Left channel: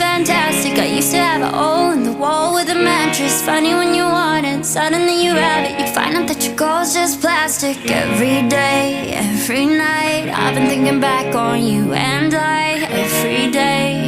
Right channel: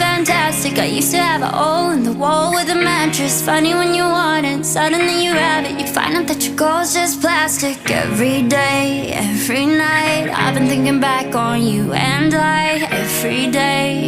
everything's fantastic. I used to have a hole in the wall with a mattress. Funny when you want it, suddenly you have it. You find out that your goal's just plastic. Every day, every night, I've been thinking back on you and I. Every day,